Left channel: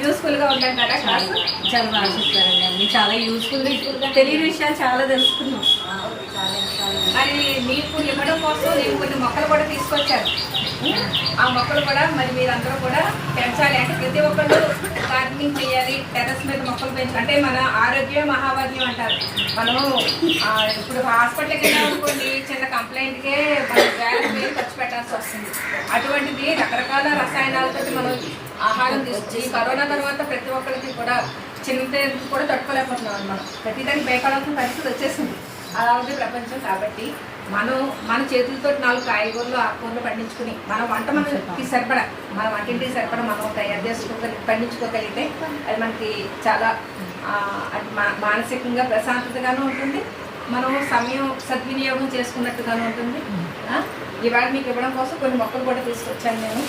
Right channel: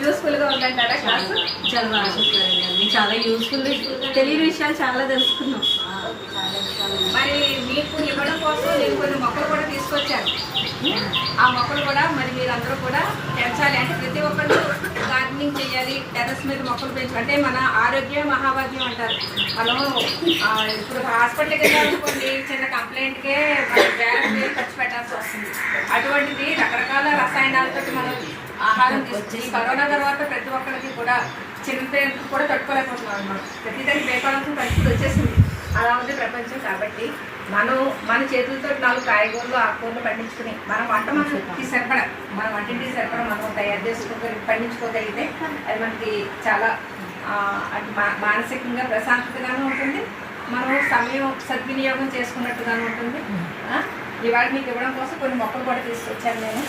యూస్ఫుల్గా ఉందంటారా క్లాస్? చాలా బాగా చెప్తారండి, అన్ని చాలా యూస్ఫుల్, తెలియని విషయాలు చాలా తెలుసుకున్నాం. మరి మీకు ఇవ్వడం కోసం నేను కొన్ని మొక్కలు కూడా తీసుకొచ్చాను. ఆ మొక్కలు కూడా మరి మీరందరూ కూడా పెంచాలి. అంటే ప్రతి ఒక్కళ్ళు గార్డెనింగ్ చేయాలి, టెర్రస్ మీద మొక్కలు పెంచాలి. అంటే మన ఆరోగ్యం మహాభాగ్యం అంటారు. మనం ఇప్పుడు హాస్పిటల్కి వెళ్ళాలనుకోండి, చిన్న కంప్లైంట్కే మనం వేల ఖర్చు పెట్టాల్సి వస్తుంది. అటువంటిది రకరకాల రసాయనాలతో మనం ఆహారం తీసుకుని కరోనా తర్వాత ప్రతి ఒక్కరికి కూడా చిన్న కూడా తట్టుకోలేకపోతున్నాం అన్నమాట. ప్రతిదానికి భయపడాల్సిన పరిస్థితి వచ్చేసింది. అలా ఉంది ప్రపంచం. కాబట్టి మనం మన చేతులతో 4 కాయగూరలు ఆకుకూరలు పండించుకుని మన మనకి సరిపడ మన వంటింటికి సరిపడ మనం తయారు పండించుకోగలిగితే అది మనకి చాలా మానసికంగా ప్రశాంతతగాను ఉంటుంది, మనం సమయం సద్వినియోగం చేసుకున్నట్టుగాను ఉంటుంది. ఇవాళ మీకు ఇవ్వడం కోసం కొన్ని మొక్కలు కూడా తీసుకొచ్చాను నేను.